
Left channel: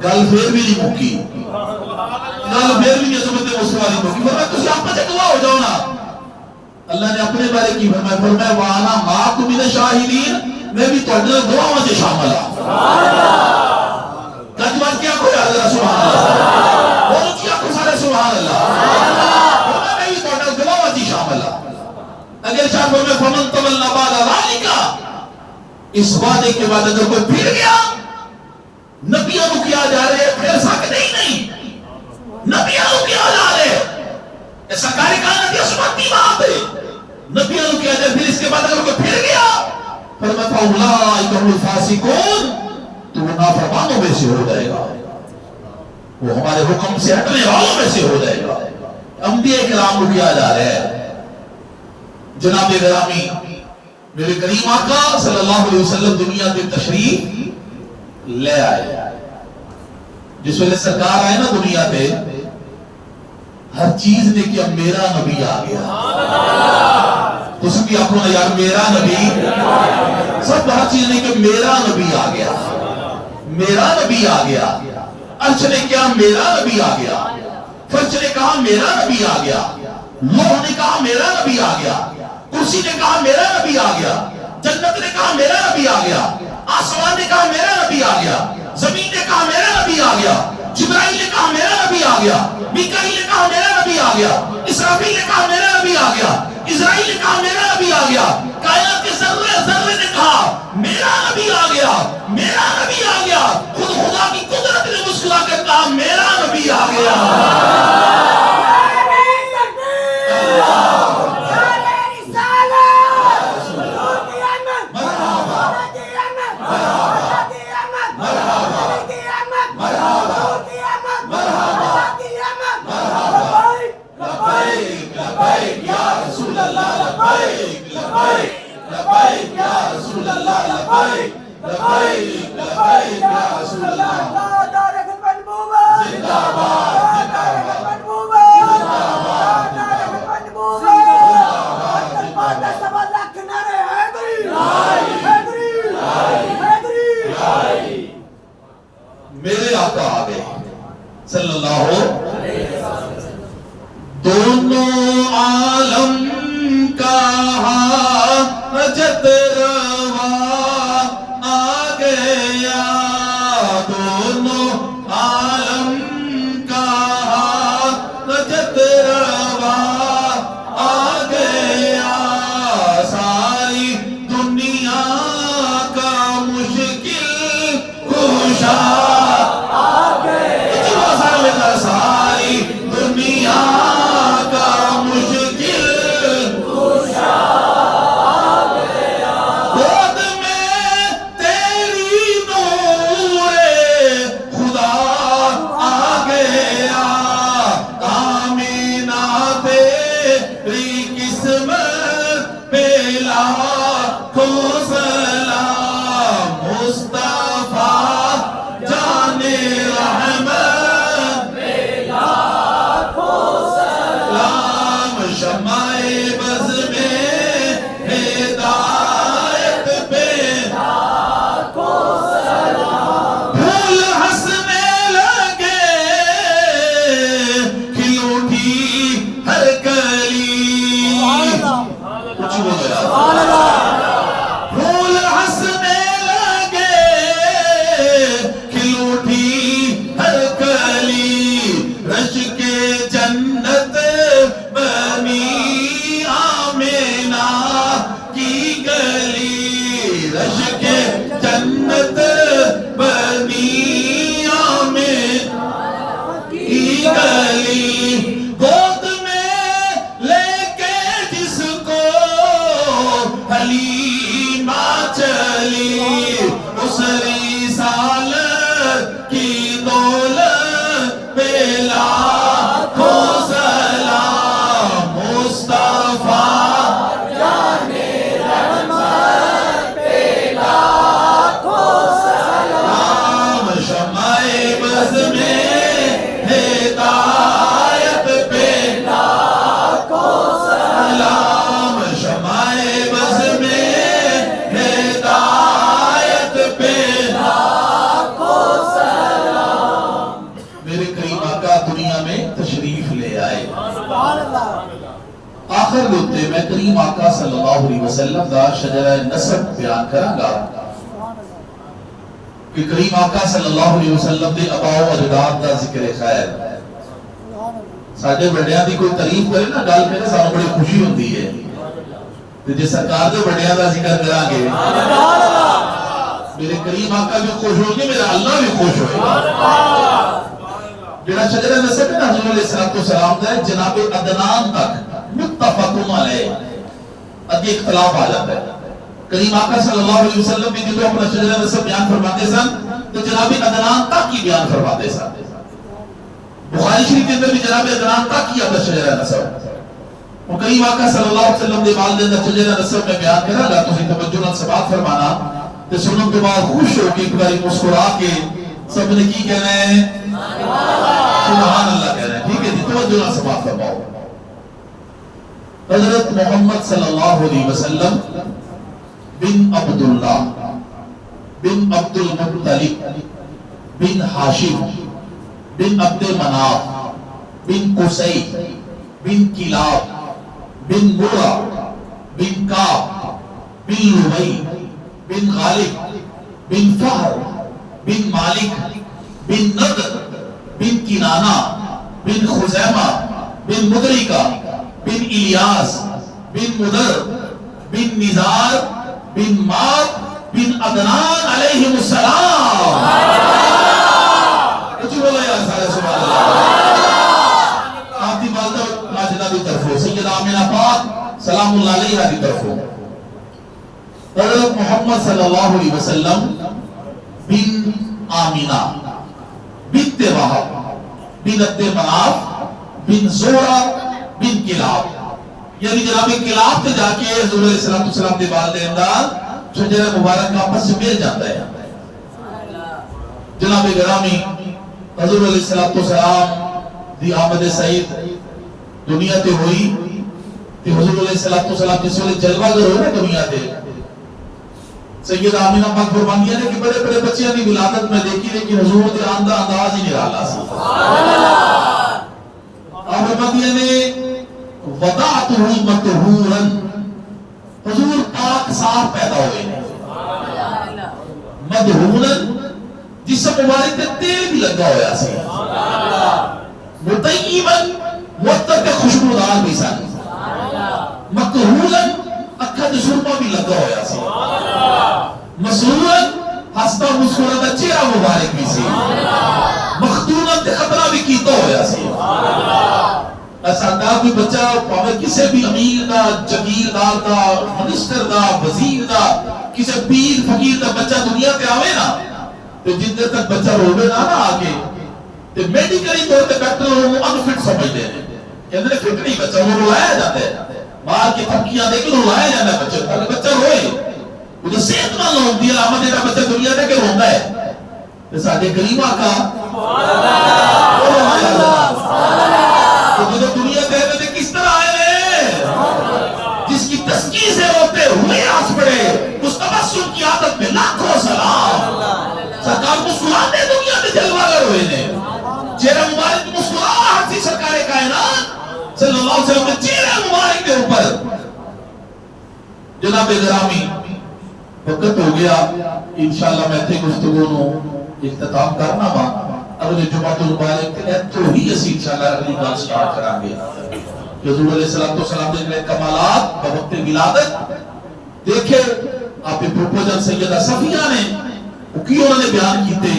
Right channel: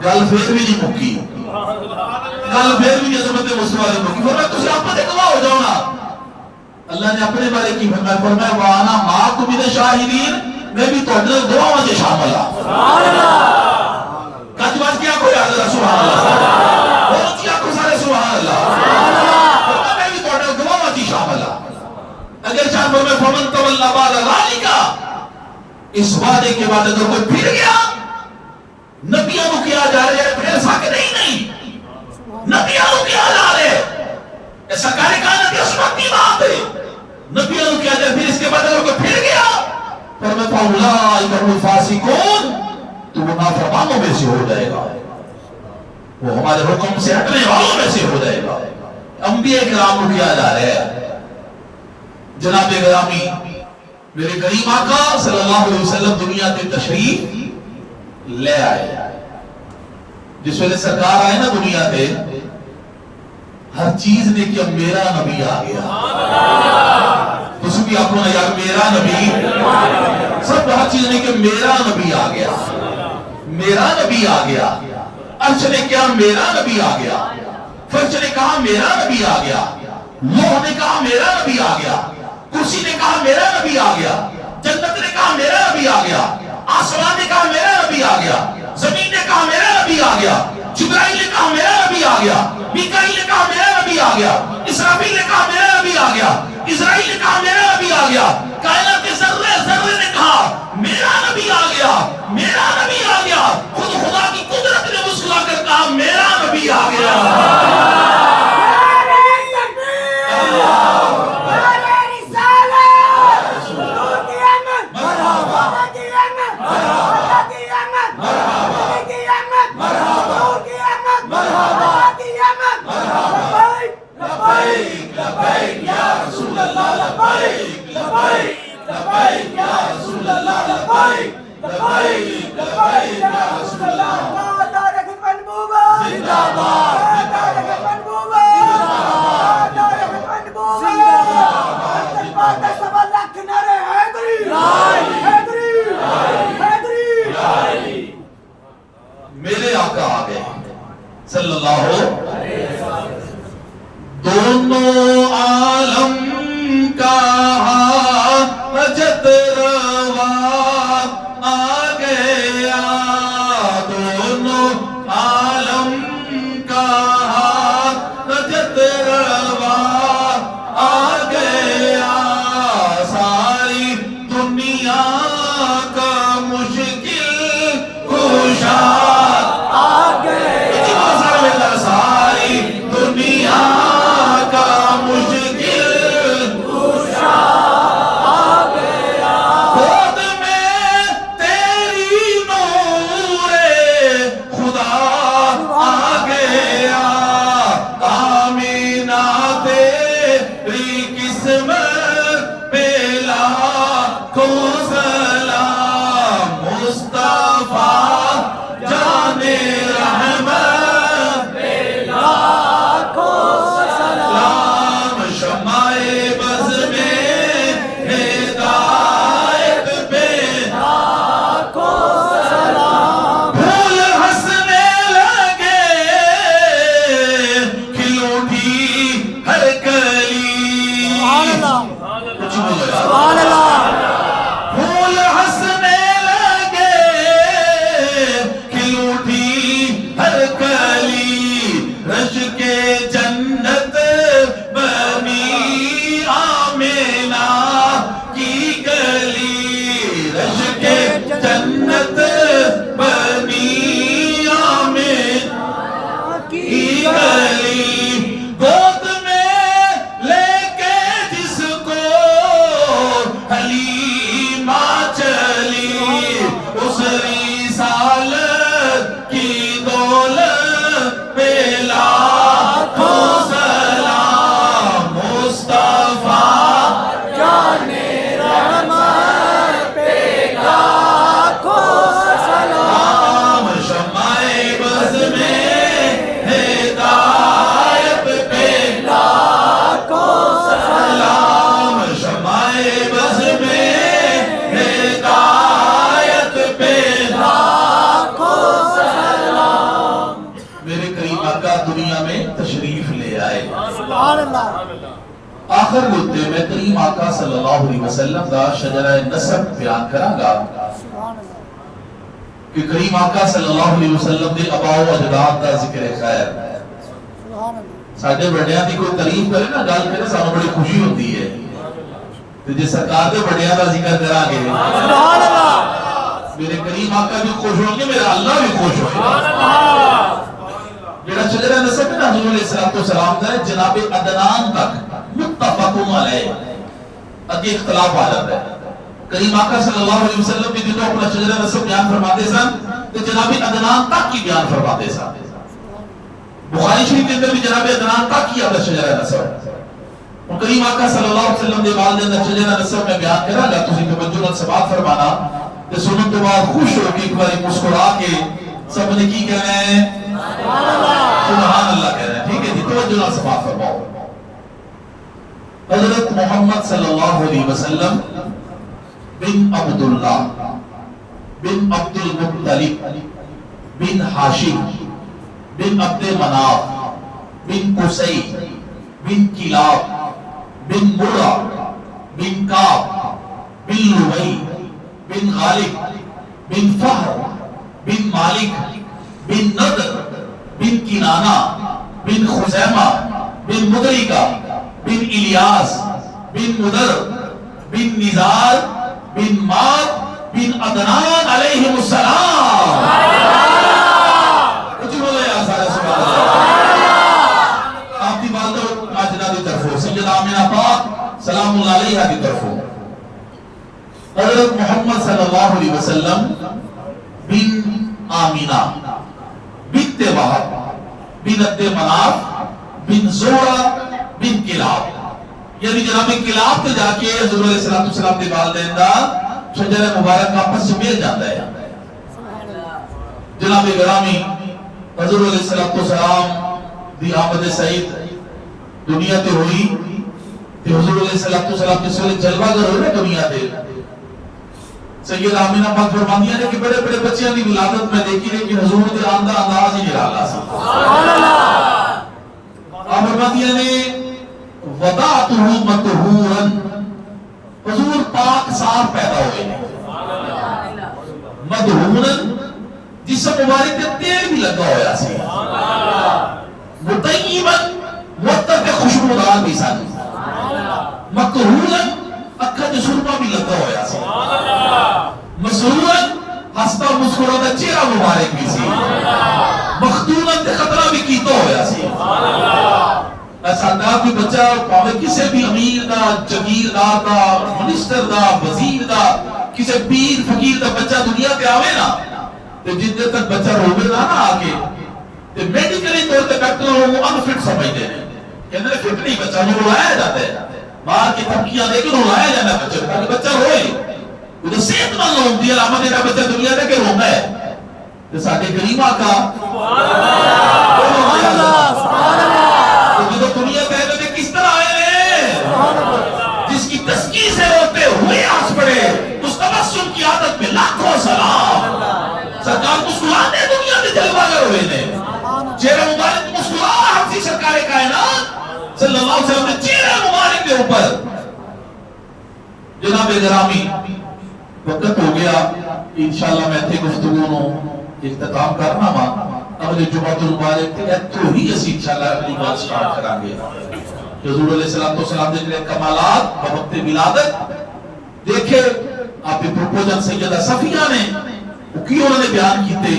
گل پھر بھی نہیں مکی گل پھر بھی عظمت مصطفیٰ نہیں مکی. فرمایا تسی آپس سے گواہ ہو جاؤ نا. اللہ نے اپنے بارے کی فرمایا وانا معکم من الشاہدین میں بھی تہاڈے گواہاں وچ شامل ہاں. گج بج کیا کوئی حضرت سبحان اللہ بولو کیا کو سارے سبحان اللہ. میں بھی تہاڈے گواہاں وچ شامل ہاں. اگر چاہ فرمایا فمن تولی بعد ذالک اس وعدے کے بعد اگر کوئی پھر گیا نبیوں کو کیا جا رہے ہیں پھر سکتے ہی نہیں. نبیوں کو کیا جا رہے ہیں سرکاری کائنات یہ سنتی بات ہے. نبیوں کو کیا جائے پھر اس کے بعد اگر کوئی پھر گیا فرمایا فاولئک هم الفاسقون تو نافرمانوں میں سے ہو جائے گا. وہ ہمارے حکم سے ہٹنے والوں میں سے ہو جائے گا. انبیاء کرام کو کیا جا رہا ہے. جناب گرامی میرے کریم آقا صلی اللہ علیہ وسلم دنیا تے تشریف لے آئے. جس ویلے سرکار آئے نا دنیا تے ہر چیز نے کہ میرا نبی آ گیا. تو سب بھی آپ کو یار میرا نبی سب ہر چیز نے کہ میرا نبی آ گیا میرا نبی آ گیا. عرش نے کیا میرا نبی آ گیا. فرش نے کہا میرا نبی آ گیا. لوح نے کہا میرا نبی آ گیا. کرسی نے کہا میرا نبی آ گیا. جنت نے کہا میرا نبی آ گیا. آسمان نے کہا میرا نبی آ گیا. زمین نے کہا میرا نبی آ گیا. جبرائیل نے کہا میرا نبی آ گیا. میکائیل نے کہا میرا نبی آ گیا. اسرافیل نے کہا میرا نبی آ گیا. اسرائیل نے کہا میرا نبی آ گیا. کائنات کے ذرے ذرے نے کہا میرا نبی آ گیا میرا نبی آ گیا. خود خدا کی قدرت نے مسکرا کر کہا میرا نبی آ گیا. لبیک یا رسول اللہ لبیک لبیک لبیک میرے آقا آ گئے صلی اللہ علیہ وسلم. دونوں عالم کا حاجت روا آ گیا، دونوں عالم کا حاجت روا آ گیا، ساری دنیا کا مشکل کشا آ گیا، ساری دنیا کا مشکل کشا آ گیا، گود میں تیری نور خدا آ گیا، آمینہ تیری قسمت پہ لاکھوں سلام، مصطفیٰ جان رحمت پہ لاکھوں سلام، شمع بز میں ہدایت پہ لاکھوں سلام، پھول ہنسنے لگے کھل اٹھی ہر کلی، کچھ بولو یار، پھول ہنسنے لگے کھل اٹھی ہر کلی، رش کے جنت بنی آمینہ کی گلی، رش کے جنت بنی آمینہ کی گلی، گود میں لے کے جس کو حلیمہ چلی، اس رسالت کی دولت پہ لاکھوں سلام، مصطفیٰ جان رحمت پہ لاکھوں سلام، شمع بز میں ہدایت پہ لاکھوں سلام، شمع بز میں ہدایت پہ لاکھوں سلام. میرے کریم آقا دنیا میں تشریف لے آئے. آخر ہوتے میں کریم آقا صلی اللہ علیہ وسلم دا شجرہ نسب بیان کروں گا کہ کریم آقا صلی اللہ علیہ وسلم دے آباء و اجداد دا ذکر خیر. ساڈے بڑیاں دی کوئی تعریف کرے نا، گل کرے، سانوں بڑی خوشی ہوتی ہے. تے جے سرکار دے بڑیاں دا ذکر کران گے میرے کریم آقا بھی خوش ہوں گے، میرا اللہ بھی خوش ہوئے گا. جڑا شجرہ نسب ہے نا حضور علیہ السلام دا ہے، جناب عدنان تک متفق علیہ، اگے اختلاف آ جاتا ہے. کریم آقا صلی اللہ علیہ وسلم بھی جو اپنا شجرہ نسب بیان فرماتے سن تو جناب عدنان تک کی بیان فرماتے سن. بخاری شریف کے اندر بھی جناب عدنان تک کی اپنا شجرہ نسب، اور کریم آقا صلی اللہ علیہ وسلم دے والدین دا شجرہ نسب میں بیان کرا گا. تسی توجہ سے بات فرمانا تے سنن کے بعد خوش ہو کے ایک بار مسکرا کے سب نے کی کہنا ہے سبحان اللہ کہہ رہے ہیں. ٹھیک ہے جی، توجہ سے بات فرماؤ. حضرت محمد صلی اللہ علیہ وسلم بن عبداللہ بن عبد المطلب بن ہاشم بن عبد مناف بن قصی بن کلاب بن مرہ بن کعب بن لؤی بن غالب بن فہر بن مالک بن نضر بن کنانہ بن خزیمہ بن مدرکہ بن الیاس بن مدر بن نزار بن مات بن عدنان علیہ السلام. کچھ بولے یا سارے سبحان اللہ. آپ دی والدہ ماجدہ دی طرفوں سیدہ آمینہ پاک سلام اللہ علیہ دی طرفوں حضرت محمد صلی اللہ علیہ وسلم بن آمینہ بنت وہب بن عبد مناف بن زہرہ بن کلاب، یعنی جناب کلاب تے جا کے حضور علیہ السلام دے والدین دا شجرہ مبارک آپس سے مل جاتا ہے. جناب گرامی حضور علیہ السلام دی آمد سعید دنیا تے ہوئی تے حضور علیہ السلام جس ویلے جلوہ گر ہوئے نا دنیا تے سیدہ آمینہ پاک فرماندیاں نے کہ بڑے بڑے بچیاں دی ولادت میں دیکھی لیکن حضور دے آندہ انداز ہی نرالا سی. آپ فرماندیاں نے وضعتہ مطہورا، حضور پاک صاف پیدا ہوئے ہیں، مدہورا جسم مبارک تے تیل بھی لگا ہویا سی، مطیبا معطر کے خوشبودار بھی سن، مکحولا اکھا دے سرما بھی لگا ہویا سی، مسرورا ہستا مسکراتا چہرہ مبارک بھی سی، مختونا تے خطرہ بھی کیتا ہویا سی. ساڈا بھی بچہ پاوے کسے بھی امیر دا، جگیردار دا، منسٹر دا، وزیر دا، کسے پیر فقیر دا بچہ دنیا تے آوے نا تے جن دیر تک بچہ روے نا آگے تے میڈیکلی طور تے ڈاکٹر وہ انفٹ سمجھتے ہیں کہ اندر فٹ نہیں، بچہ وہ رلایا جاتا ہے، مار کی تھپکیاں دے کے رلایا جاتا ہے بچہ تاکہ بچہ روئے. وہ صحت مند ہوتی ہے علامت ہے بچہ دنیا دے کے رونا ہے. تے ساڈے کریم آقا جو دنیا پہ کس طرح آئے ہیں، جس کی تسکی سے روتے ہوئے آس پڑے، اس تبسم کی عادت میں لاکھوں سلام. سرکار مسکراتے دنیا میں جلوہ گر ہوئے نے، چہرہ مبارک مسکراہٹ سی سرکار کائنات صلی اللہ علیہ وسلم نے چہرہ مبارک کے اوپر. جناب گرامی وقت ہو گیا، انشاءاللہ میں تھے گفتگو نو اختتام کرنا با. اگلے جمعہ المبارک تے تو ہی اسی انشاءاللہ اگلی بات سٹارٹ کریں گے. حضور علیہ السلام کے کمالات وقت ولادت دیکھے آپ کے پروپوزل سیدہ صفیہ نے کی انہوں نے بیان کیتے.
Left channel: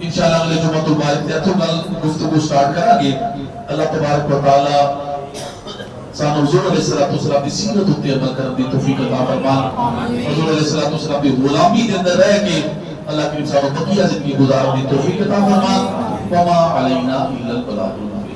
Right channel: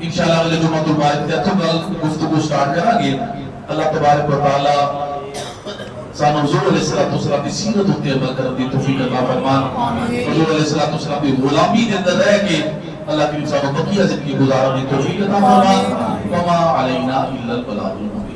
انشاءاللہ اگلے جمعہ المبارک تے تو گفتگو سٹارٹ کریں گے. اللہ تبارک و تعالی سانو حضور علیہ السلام کی سیرت ہوتی عمل کرنے دی توفیق عطا فرمان. حضور علیہ السلام کی غلامی کے اندر رہ کے اللہ کریم صاحب بقیہ زندگی گزارنے کی توفیق عطا فرمان. وما علینا الا البلاغ المبین.